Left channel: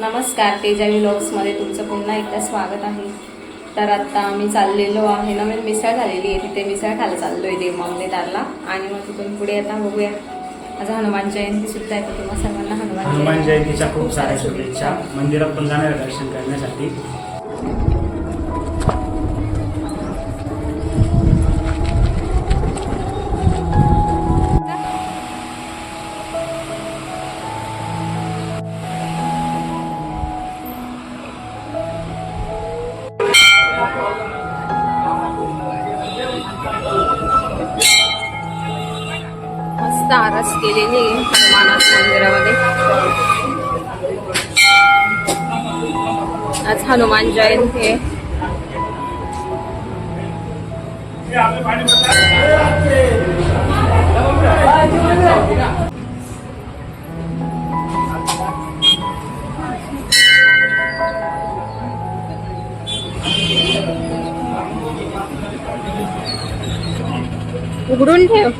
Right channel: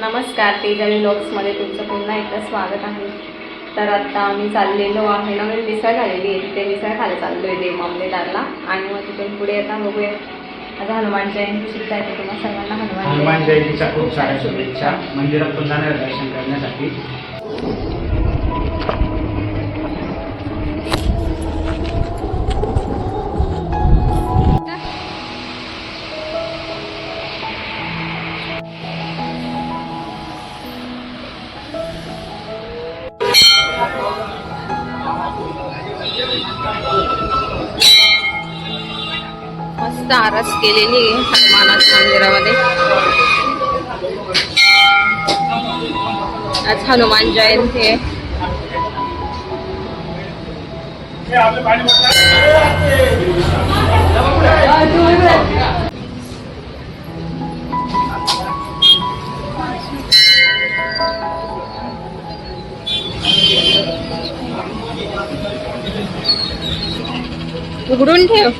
नमस्कार, तेजावी व्लॉग्समध्ये तुमचं पुन्हा एकदा स्वागत आहे. तर आता आम्ही चाललेलो आहे, नवीन मिसळ झालेली आहे तिथे मिसळ खायला चाललो आहे देव मामलेदारला. आणि मग तिथून पुढे आता बघूया. आज हनुमान जयंती सुद्धा आहे, तुम्हा सर्वांना हनुमान जयंतीच्या खूप साऱ्या शुभेच्छा. मंदिरात पण जाणार आहे दर्शन करण्यासाठी. मस्त आरस केलेली आहे हनुमानाच्या मंदिरामध्ये. आज हनुमान जयंती आहे. उघडून ठेव.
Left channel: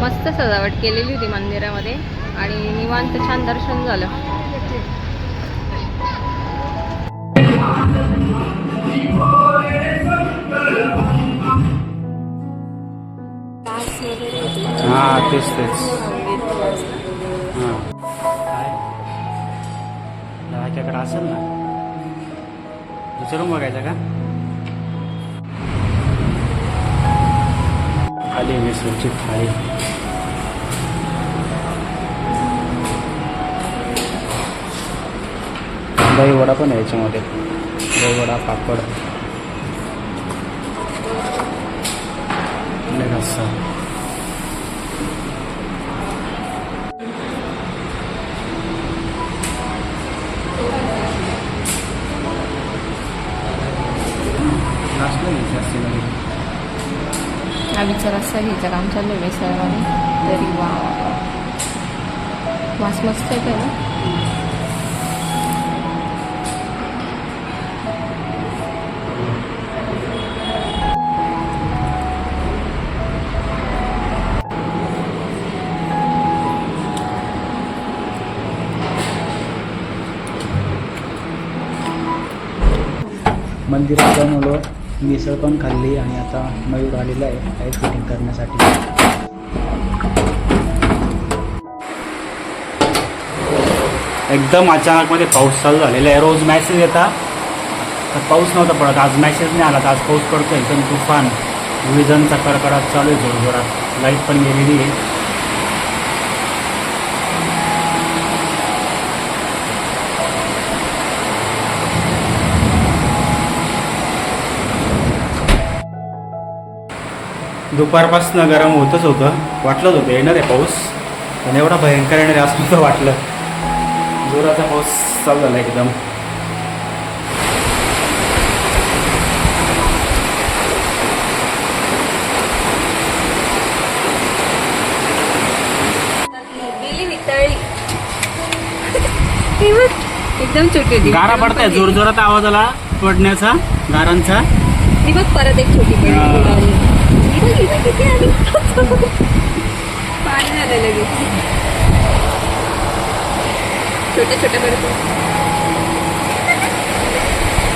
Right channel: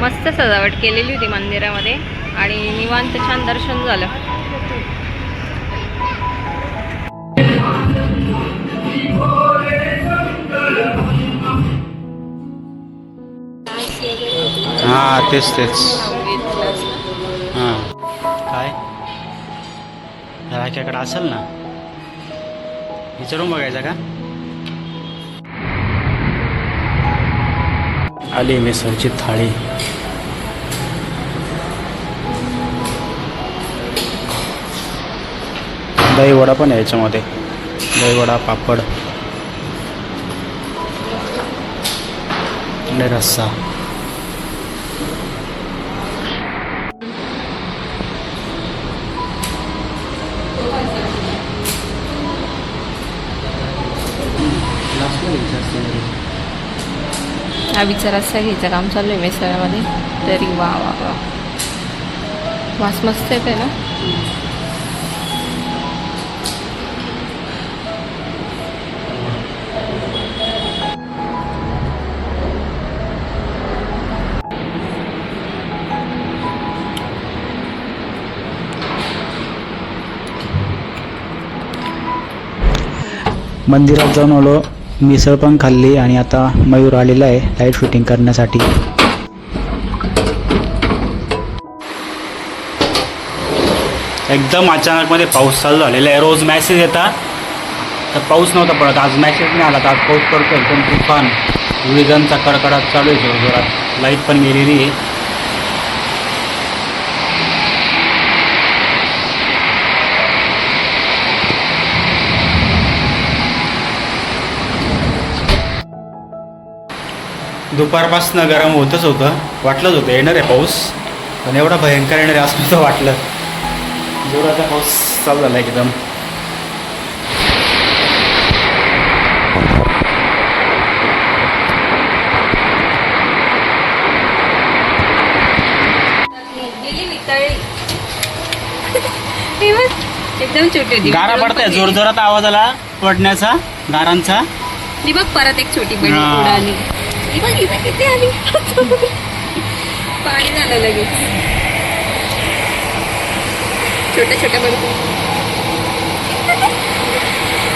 मस्त सजावट केलेली होती मंदिरामध्ये आणि निवांत छान दर्शन झालं. हा तेच हां काय जराच्याकडे असेल ना, विचारून बघायचं का. आली मिसळची थाळी. दहीवडा पण आहे याच्यामध्ये. दहीवडा, पापड आणि रस्सा. हा विचार असा घ्यायचं काम चालू आहे मिसळमध्ये. तरी वा वा वा, वास मस्त येते ना. मंदिरात जाऊन आलो, मिसळ पण खाल्ली आणि आता मयूर आलेला आहे लाईट फिटिंग करण्यासाठी. एकदम अचानकमध्ये पाऊस चालू झालेला आहे. रोज मॅसेज येतात तर पाऊस नव्हता पडत, आज मॅसेज नाही आला तर आज पाऊस पडतो. एकदम तुफान विजांचा कडकडाट चालू आहे जोरजोरात. लाईट पण गेलेली आहे. दुपारपासून गरम होतच होतं, वाटलंच होतं येणार आहे पाऊस, पण एवढा भयंकर येणार आहे असं नव्हतं वाटलं. जोराचा पाऊस चालू झाला एकदम. एकदम छोटी होती. गारा पडताय, जोरजोरात आवाज आला पडण्याचा, गारांचा. ही बघ परत एक छोटी पडली उडाली. ही बघ इथे किती आली. पाणी झालं लगेच. छोट्या छोट्या पडतो.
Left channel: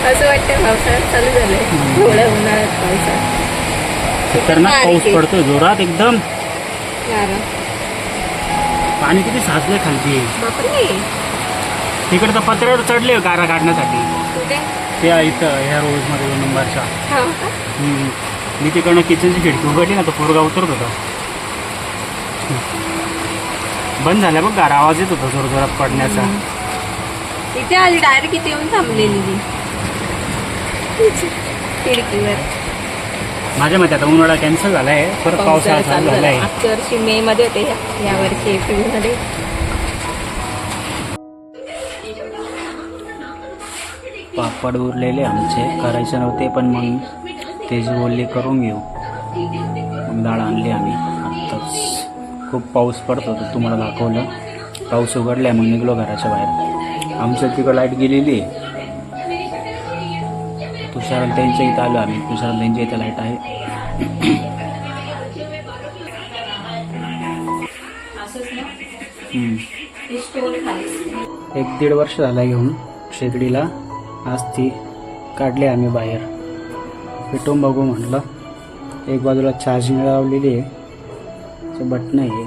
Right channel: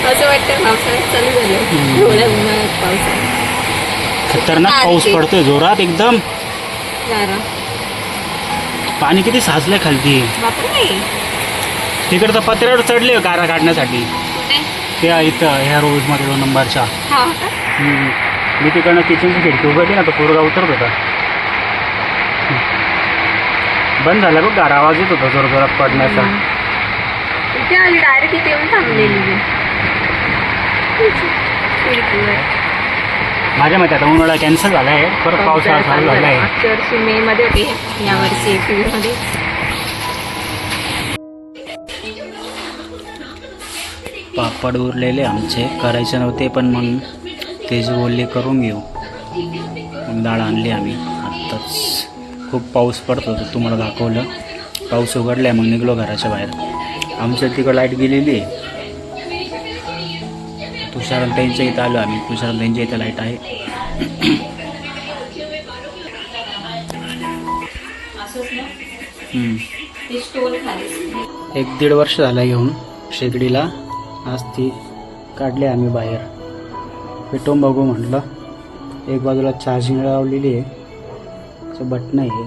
असं वाटतं पावसाळ्यात चालू झालं. थोड्या उन्हाळ्यात पावसाळ्यात खतरनाक पाऊस पडतोय जोरात एकदम. पाणी किती साचलंय खालती. बापरे, तिकडचं पत्र्यावर चढले गारा काढण्यासाठी. त्या इथं ह्या रोड नंबरच्या मी तिकडनं किचनची खिडकी उघडली ना तो पोरगा उतरत होता. बंद झाला बघ गारा, आवाज येत होता जोर जोरात पडण्याचा. इथे आली डायरेक्ट इथे येऊन थांबलेली मी खिडकीवर. माझ्या मते आता उन्हाळा कॅन्सल झाला आहे, परत पावसाळा चालू झाला आहे. मागच्या वर्षी मे मध्ये होते, या वर्षी एप्रिल मध्ये. पापड उरलेले आमचे करायचे नव्हते, पण मग तेच बोलले करून घेऊ. मग डाळ आणली आम्ही आत्ताच. खूप पाऊस पडत होता, तुम्हाला दाखवलं. पाऊस उघडला मग निघलो घराच्या बाहेर. आमच्या तिकडं लाईट गेलेली आहे. तुषार त्यांच्या इथं आलो आम्ही. तुषार त्यांच्या इथं लाईट आहे. एक 1.5 वर्ष झाला घेऊन शेगडीला. आज ती काढली आम्ही बाहेर. पेटवून बघू म्हटलं. एक बाजूला चार्जिंग लावलेली आहे, ते बटन आहे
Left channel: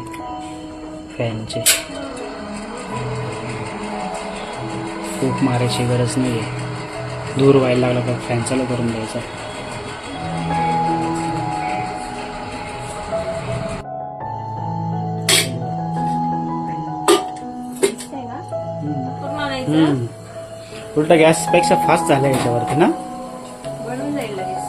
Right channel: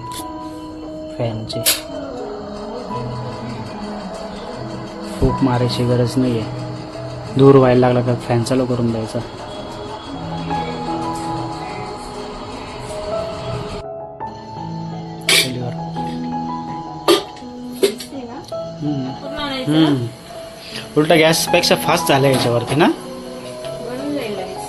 फॅनचे. खूप मारायची गरज नाही आहे. दूर व्हायला लागला तर फॅन चालू करून द्यायचा. उलटा गॅसपेक्षा फास्ट झालं याच्यावरती ना. बनून जाईल लगेच.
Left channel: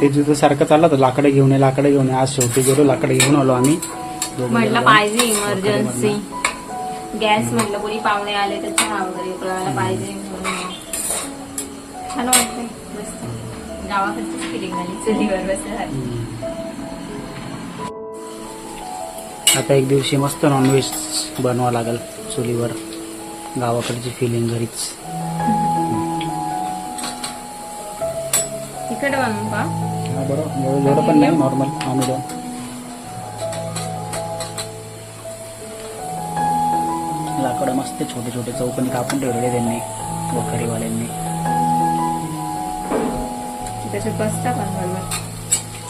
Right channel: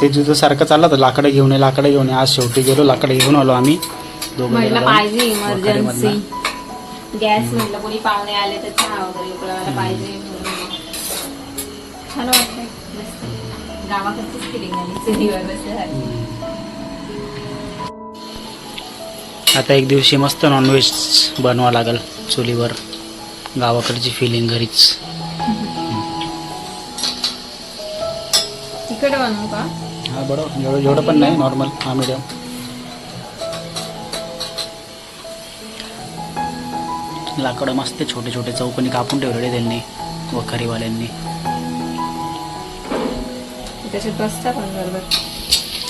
ते जुतं सारखं चाललं तर लाकडं घेऊन ये. आज शेवटी गेलो, लाकडं घेऊन आलो आम्ही म्हटलं पाहिजे इमर्जन्सी वखारीमधनं. गॅस. म्हटलं कोणी पाहुणे आले तर चहा वगैरे उकळायला पाहिजे म्हणून. छान वाटतंय मस्त. गावाकडचीच फिलिंग आली चुलीवर बसल्यासारखी. आता एक दिवशी मस्त नॉनव्हेज बनवा लागेल चुलीवर. गावाकडची फिलिंग घरीच. तिकडे बनवू का? हा बरोबर. एवढं पण नाही, नॉर्मल हा मीडियम. लाकडं मस्त छोटे छोटे चौकोनी कापून ठेवलेले त्यांनी, वखारीवाल्यांनी. त्याच्यात बसता पण बरोबर.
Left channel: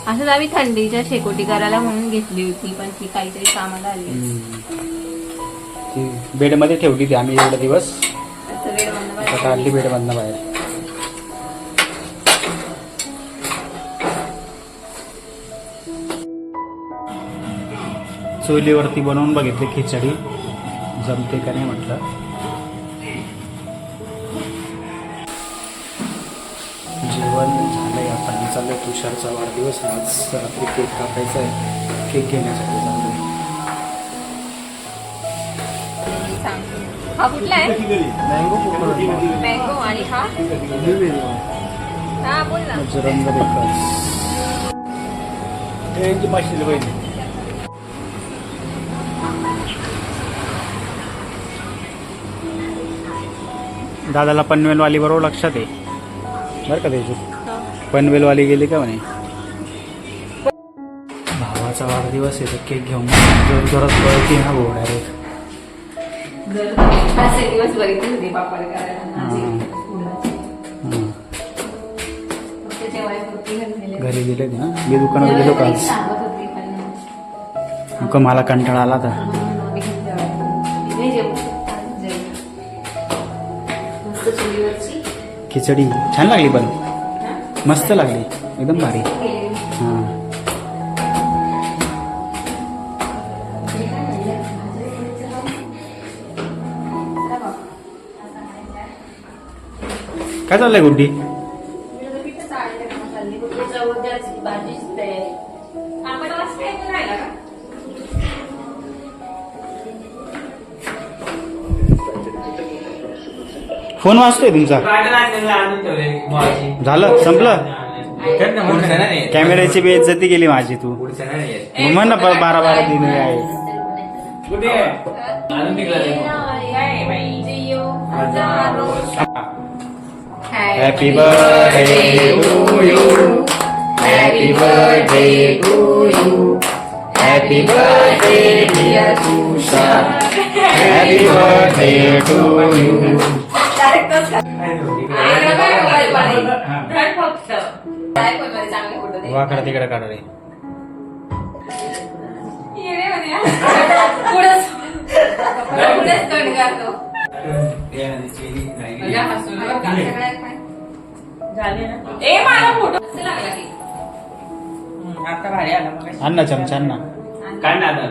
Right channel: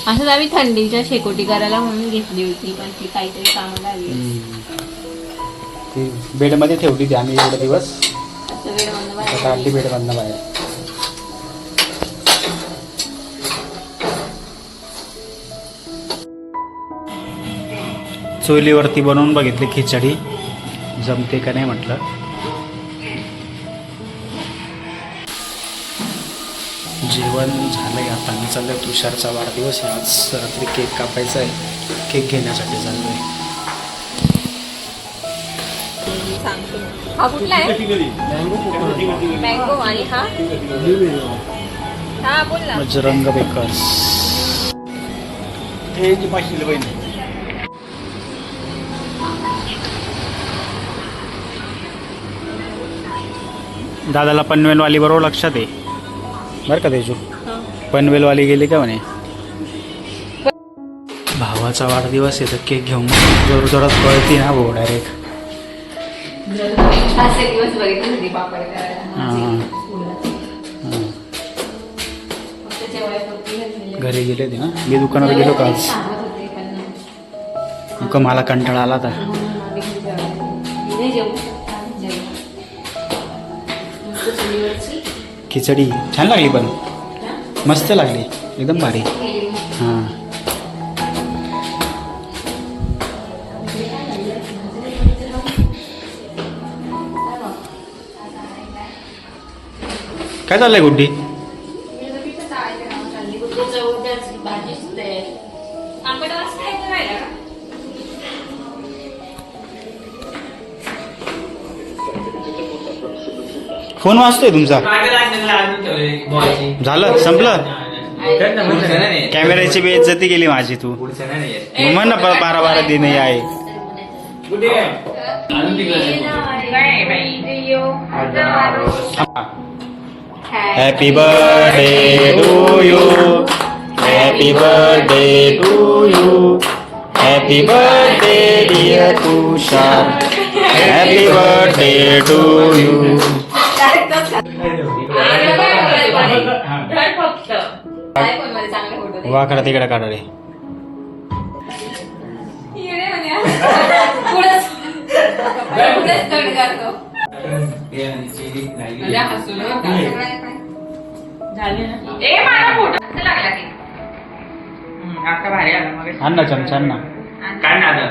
असंच आम्ही थंडीच्या शेकोटी करायला म्हणून घेतली होती, पण ती काहीतरी कामाला आली. ती बेडमध्ये ठेवली ती आम्ही एवढे दिवस. वेळ बंद काढली बेडमधनं बाहेर. चुलीवरती बनवून बघितली खिचडी, जमते का नाही म्हटलं. जेवण झालंय. आता मी चाललोय, तुषारचा वाढदिवस आहे आज. रात्री केक कापायचा आहे, केक घेण्यासाठी चाललोय. हा कुठला आहे? मँगो. आणि हा हा बोल ना. बजरंग बेकर्स. दादाला पनवेलवाली बरोबर लक्षात आहे बरं का. तेजू पनवेलवाली गेली का म्हणे. भावाचा वाढदिवस आहे तर केक घेऊन जोर जोरात पळती ना भाऊ डायरेक्ट. दिवस बघितली होती पापड घरी गेले होते ना. मी दुकानात गेलो का आज. मला कंटाळा आला था. खिचडी छान लागली, पण मस्त लागली, एकदम भारी. हां काय चाललंय गुड्डी? फोन वाजतोय तुमचा? झालं, संपलं. कॅमेऱ्याची बेइज्जती केली माझी तू. म्हण ना 12 दिन आहे. Happy birthday to you, happy birthday to you, happy birthday dear Tushar, happy birthday to you. वाकडा तिकडे काढाले. झाली ना ए मला फोटो कसं लागला की आता भारी आला मग आण ना चमचा आण ना. काय ना आता